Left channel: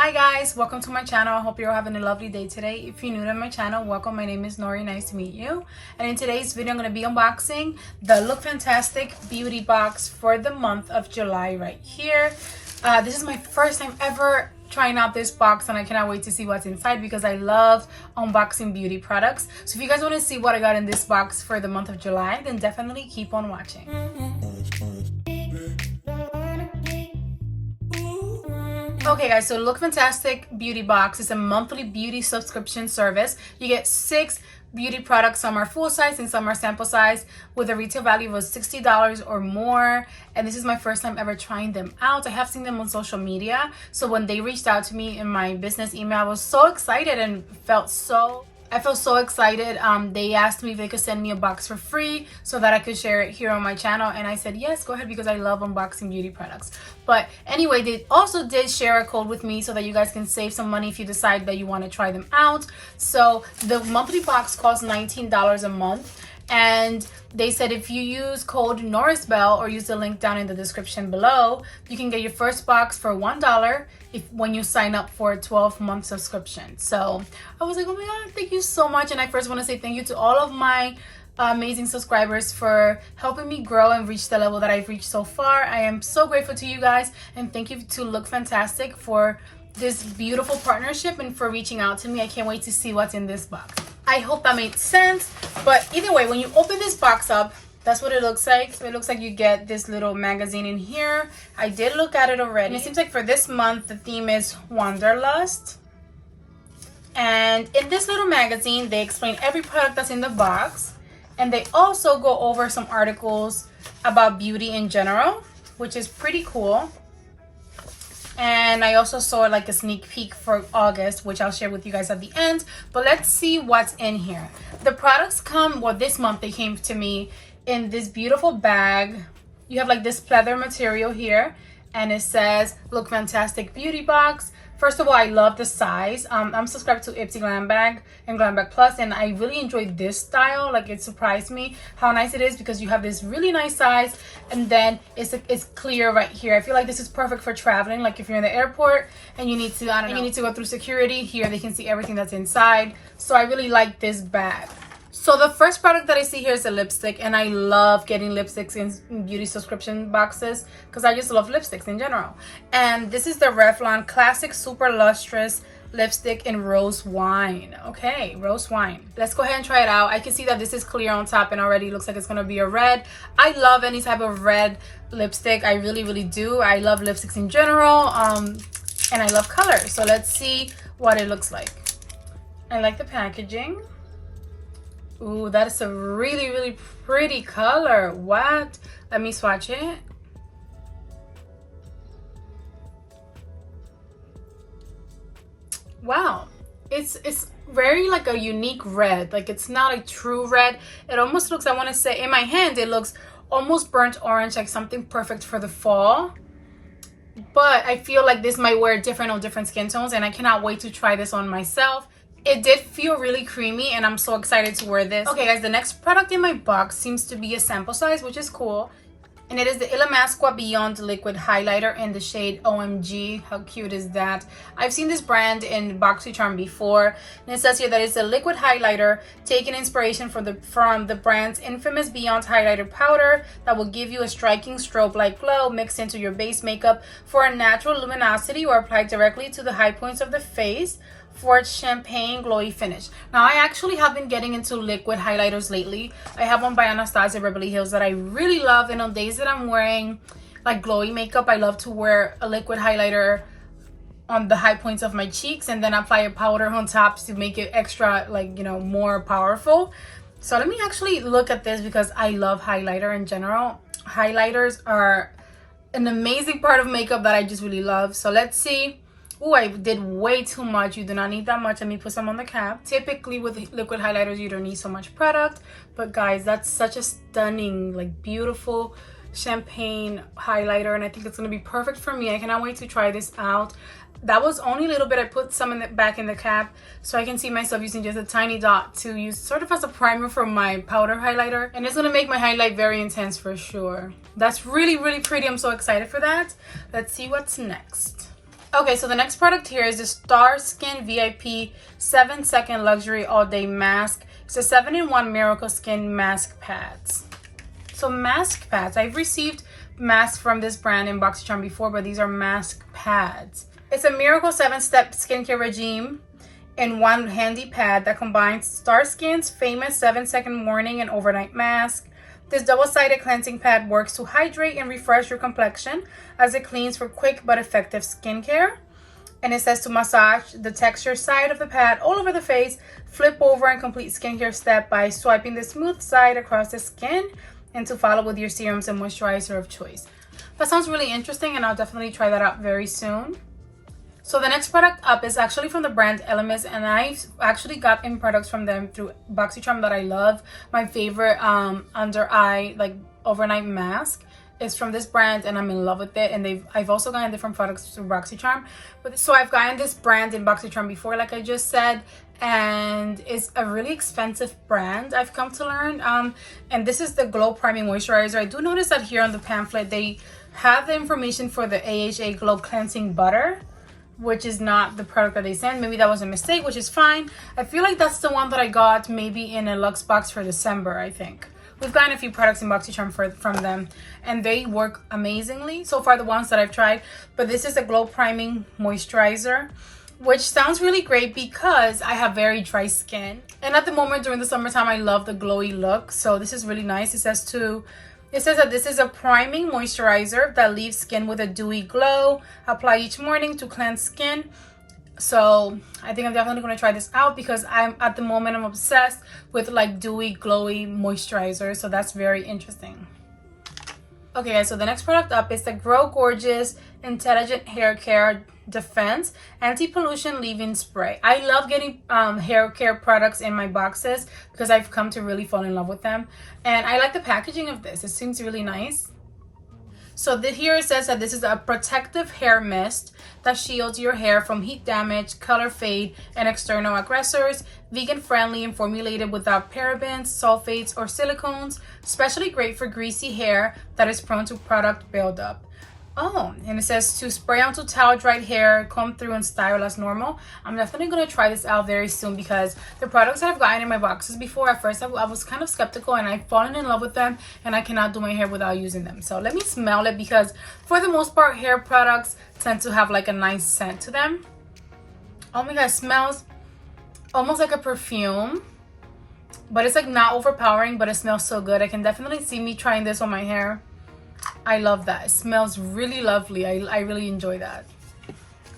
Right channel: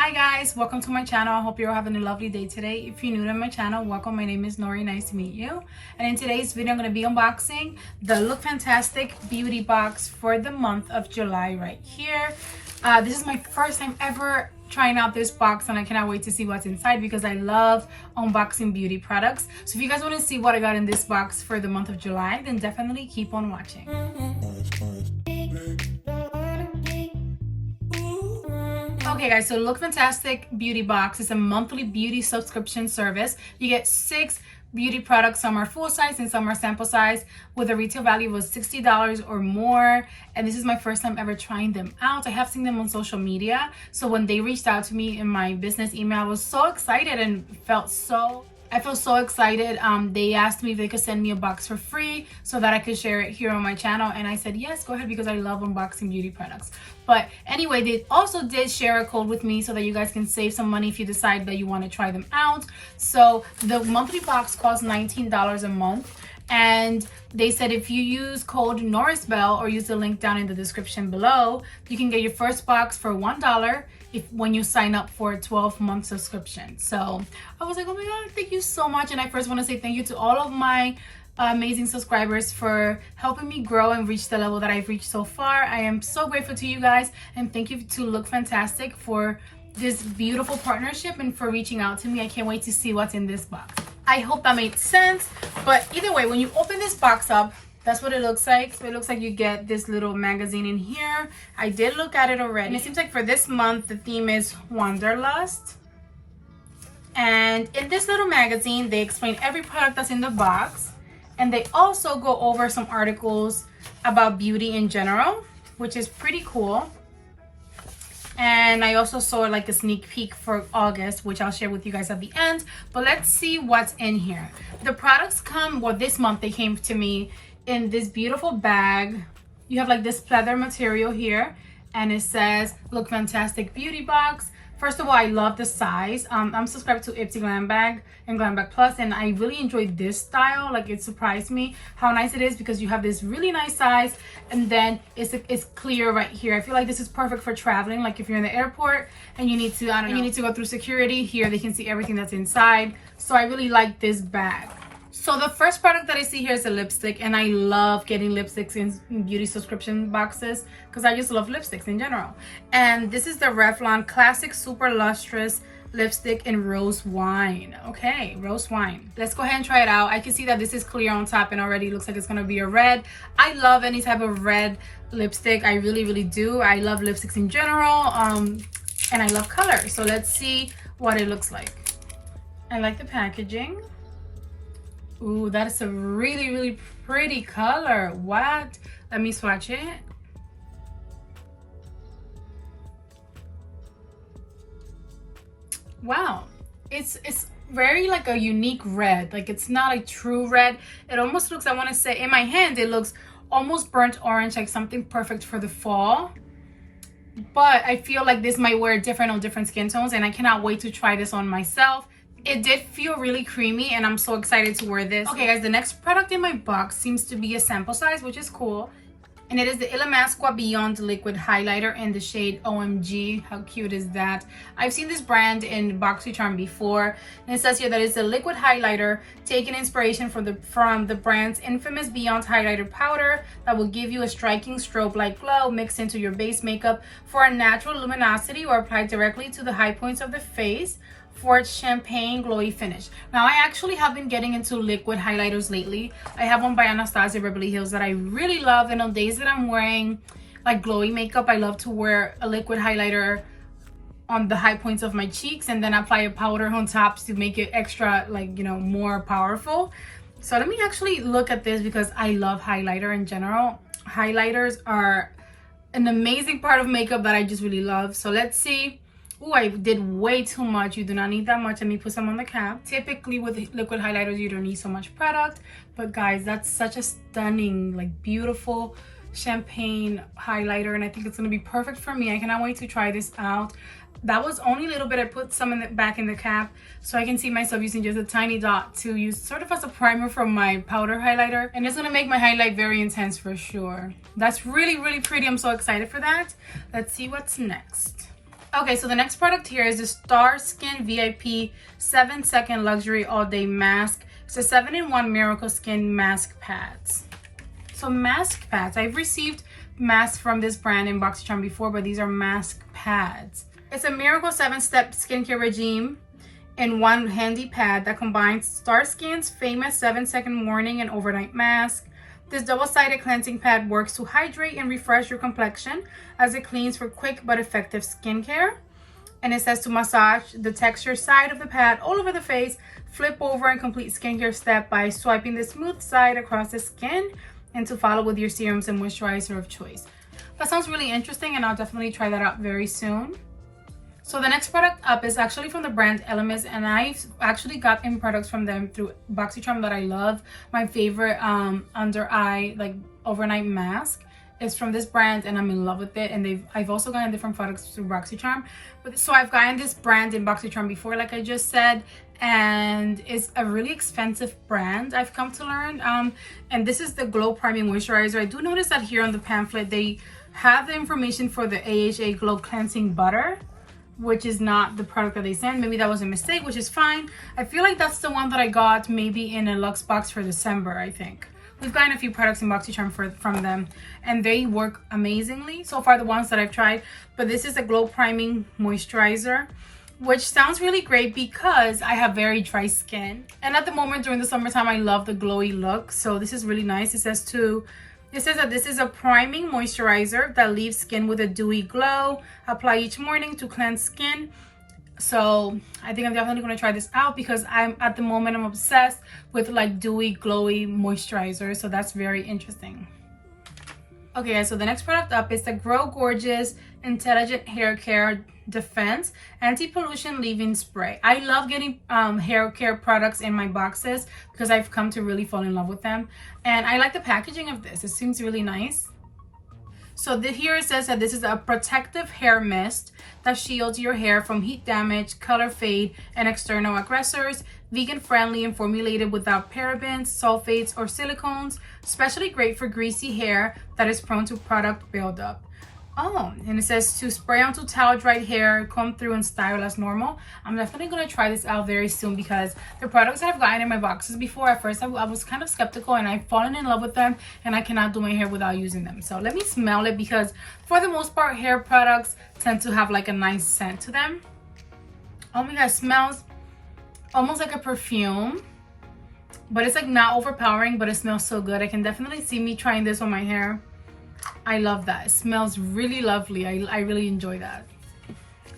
Hi guys, welcome to my channel. I hope you're having a lovely day today. If you're new to my channel, welcome. My name is Nori. Nice to meet you. And in today's video, I'm going to be unboxing the Lookfantastic Beauty Box for the month of July right here. This is my first time ever trying out this box and I cannot wait to see what's inside because I love unboxing beauty products. So if you guys want to see what I got in this box for the month of July, then definitely keep on watching. Okay guys, so Lookfantastic Beauty Box is a monthly beauty subscription service. You get 6 beauty products. Some are full size and some are sample size with a retail value of $60 or more. And this is my first time ever trying them out. I have seen them on social media. So when they reached out to me in my business email, I was so excited and I felt so excited. They asked me if they could send me a box for free so that I could share it here on my channel. And I said, yes, go ahead, because I love unboxing beauty products. But anyway, they also did share a code with me so that you guys can save some money if you decide that you want to try them out. So the monthly box costs $19 a month. And they said if you use code Norisbel or use the link down in the description below, you can get your first box for $1 when you sign up for a 12-month subscription. So I was like, oh my god, thank you so much. And I first want to say thank you to all of my amazing subscribers for helping me grow and reach the level that I've reached so far. I am so grateful to you guys, and thank you to Lookfantastic for this beautiful partnership and for reaching out to me. I can't wait to see what's in this box. I hope that made sense. But either way, when you open this box up, that's what it looks like. So it looks like you get this little magazine in here. I did look at it already. And it seems like for this month, the theme is Wanderlust. And in this little magazine, they explain every product that's in the box. And they also go over some articles about beauty in general, which is pretty cool. And I also saw like a sneak peek for August, which I'll share with you guys at the end. But let's see what's in here. The products come, well, this month they came to me in this beautiful bag. You have like this pleather material here, and it says Lookfantastic Beauty Box. First of all, I love the size. I'm subscribed to Ipsy Glam Bag and Glam Bag Plus, and I really enjoyed this style. Like, it surprised me how nice it is because you have this really nice size, and then it's clear right here. I feel like this is perfect for traveling. Like if you're in the airport and you need to, you need to go through security, here they can see everything that's inside. So I really like this bag. So the first product that I see here is a lipstick, and I love getting lipsticks in beauty subscription boxes because I just love lipsticks in general. And this is the Revlon Classic Super Lustrous Lipstick in Rose Wine. Okay, Rose Wine. Let's go ahead and try it out. I can see that this is clear on top and already looks like it's gonna be a red. I love any type of red lipstick. I really do. I love lipsticks in general, and I love color. So let's see what it looks like. I like the packaging. Ooh, that is a really pretty color. What? Let me swatch it. Wow, it's very like a unique red. Like, it's not a true red. It almost looks, I want to say, in my hand it looks almost burnt orange, like something perfect for the fall. But I feel like this might wear different on different skin tones, and I cannot wait to try this on myself. It did feel really creamy, and I'm so excited to wear this. Okay guys, the next product in my box seems to be a sample size, which is cool. And it is the Illamasqua Beyond Liquid Highlighter in the shade OMG. How cute is that? I've seen this brand in BoxyCharm before. And it says here that it's a liquid highlighter taking inspiration from the brand's infamous Beyond Highlighter powder that will give you a striking strobe-like glow mixed into your base makeup for a natural luminosity or applied directly to the high points of the face for its champagne glowy finish. Now, I actually have been getting into liquid highlighters lately. I have one by Anastasia Beverly Hills that I really love, and on days that I'm wearing like glowy makeup, I love to wear a liquid highlighter on the high points of my cheeks and then apply a powder on top to make it extra, like, you know, more powerful. So let me actually look at this because I love highlighter in general. Highlighters are an amazing part of makeup that I just really love. So let's see. Oh, I did way too much. You do not need that much. Let me put some on the cap. Typically with liquid highlighters, you don't need so much product. But guys, that's such a stunning, like, beautiful champagne highlighter. And I think it's going to be perfect for me. I cannot wait to try this out. That was only a little bit. I put some back in the cap so I can see myself using just a tiny dot to use sort of as a primer for my powder highlighter. And it's going to make my highlight very intense for sure. That's really pretty. I'm so excited for that. Let's see what's next. Okay, so the next product here is the Star Skin VIP 7-second luxury all day mask. It's a 7-in-1 miracle skin mask pads. So mask pads, I've received masks from this brand in BoxyCharm before, but these are mask pads. It's a miracle 7-step skincare regime in one handy pad that combines Star Skin's famous 7-second morning and overnight mask. This double-sided cleansing pad works to hydrate and refresh your complexion as it cleans for quick but effective skincare. And it says to massage the texture side of the pad all over the face, flip over and complete skincare step by swiping the smooth side across the skin, and to follow with your serums and moisturizer of choice. That sounds really interesting, and I'll definitely try that out very soon. So the next product up is actually from the brand Elemis, and I've actually gotten products from them through BoxyCharm that I love. My favorite under eye like overnight mask is from this brand, and I'm in love with it. And I've also gotten different products through BoxyCharm, but so I've gotten this brand in BoxyCharm before, like I just said, and it's a really expensive brand, I've come to learn. And this is the Glow Priming Moisturizer. I do notice that here on the pamphlet they have the information for the AHA Glow Cleansing Butter, which is not the product that they sent. Maybe that was a mistake, which is fine. I feel like that's the one that I got maybe in a Luxe box for December, I think. We've gotten a few products in BoxyCharm from them, and they work amazingly. So far, the ones that I've tried. But this is a Glow Priming Moisturizer, which sounds really great because I have very dry skin. And at the moment, during the summertime, I love the glowy look. So this is really nice. It says that this is a priming moisturizer that leaves skin with a dewy glow. Apply each morning to cleanse skin. So I think I'm definitely going to try this out because I'm obsessed with like dewy, glowy moisturizer. So that's very interesting. Okay guys, so the next product up is the Grow Gorgeous Intelligent Hair Care Defense Anti-Pollution Leave-In Spray. I love getting hair care products in my boxes because I've come to really fall in love with them. And I like the packaging of this. It seems really nice. So here it says that this is a protective hair mist that shields your hair from heat damage, color fade, and external aggressors. Vegan friendly and formulated without parabens, sulfates, or silicones. Especially great for greasy hair that is prone to product buildup. Oh, and it says to spray onto towel dried hair, comb through, and style as normal. I'm definitely going to try this out very soon because the products that I've gotten in my boxes before, at first I was kind of skeptical, and I've fallen in love with them, and I cannot do my hair without using them. So let me smell it because for the most part, hair products tend to have like a nice scent to them. Oh my god, it smells almost like a perfume, but it's like not overpowering, but it smells so good. I can definitely see me trying this on my hair. I love that. It smells really lovely. I really enjoy that.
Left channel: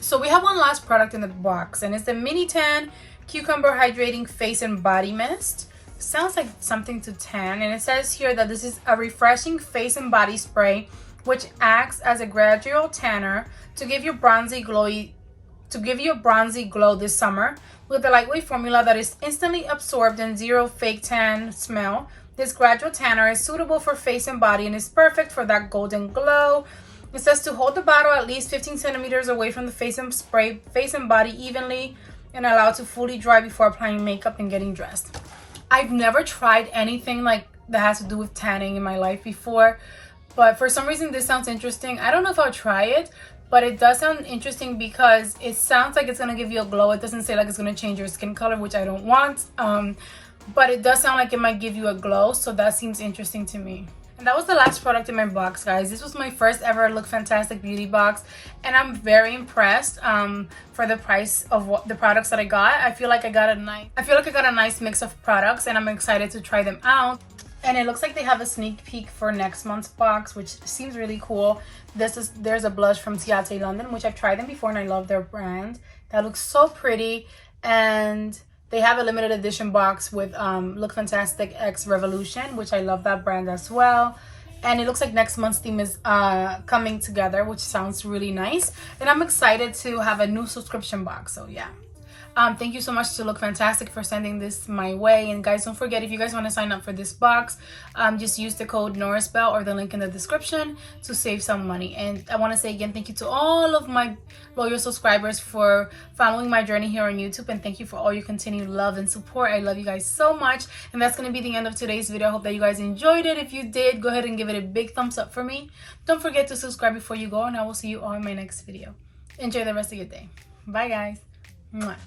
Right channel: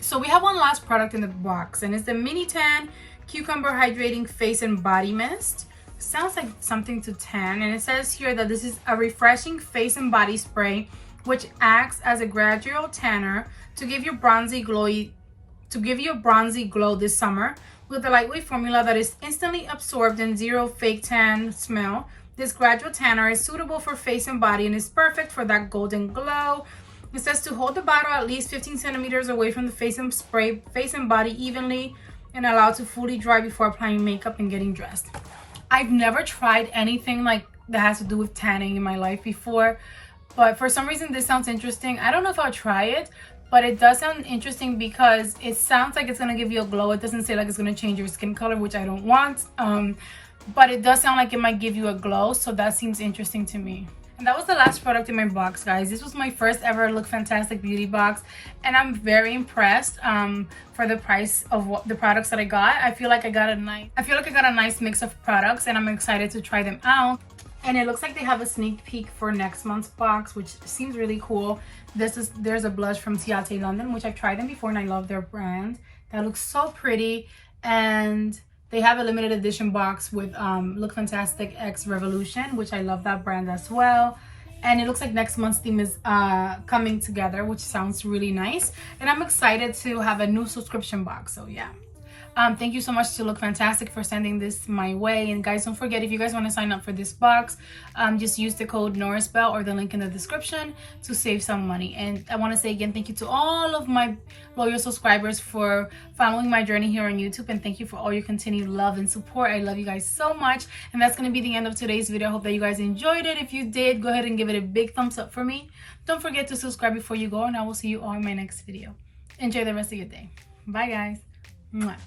So we have one last product in the box, and it's the Mini Tan Cucumber Hydrating Face and Body Mist. It sounds like something to tan, and it says here that this is a refreshing face and body spray which acts as a gradual tanner to give you a bronzy glow this summer with a lightweight formula that is instantly absorbed and zero fake tan smell. This gradual tanner is suitable for face and body and is perfect for that golden glow. It says to hold the bottle at least 15 centimeters away from the face and spray face and body evenly and allow it to fully dry before applying makeup and getting dressed. I've never tried anything like that has to do with tanning in my life before, but for some reason this sounds interesting. I don't know if I'll try it, but it does sound interesting because it sounds like it's going to give you a glow. It doesn't say like it's going to change your skin color, which I don't want. But it does sound like it might give you a glow, so that seems interesting to me. And that was the last product in my box, guys. This was my first ever Lookfantastic Beauty Box, and I'm very impressed for the price of what the products that I got. I feel like I got a nice mix of products, and I'm excited to try them out. And it looks like they have a sneak peek for next month's box, which seems really cool. There's a blush from Ciate London, which I've tried them before, and I love their brand. That looks so pretty, and they have a limited edition box with Lookfantastic X Revolution, which I love that brand as well. And it looks like next month's theme is coming together, which sounds really nice. And I'm excited to have a new subscription box, so yeah. Thank you so much to Lookfantastic for sending this my way. And guys, don't forget, if you guys want to sign up for this box, just use the code Norisbel or the link in the description to save some money. And I want to say again, thank you to all of my loyal subscribers for following my journey here on YouTube, and thank you for all your continued love and support. I love you guys so much. And that's going to be the end of today's video. I hope that you guys enjoyed it. If you did, go ahead and give it a big thumbs up for me. Don't forget to subscribe before you go, and I will see you all in my next video. Enjoy the rest of your day. Bye, guys. Mwah.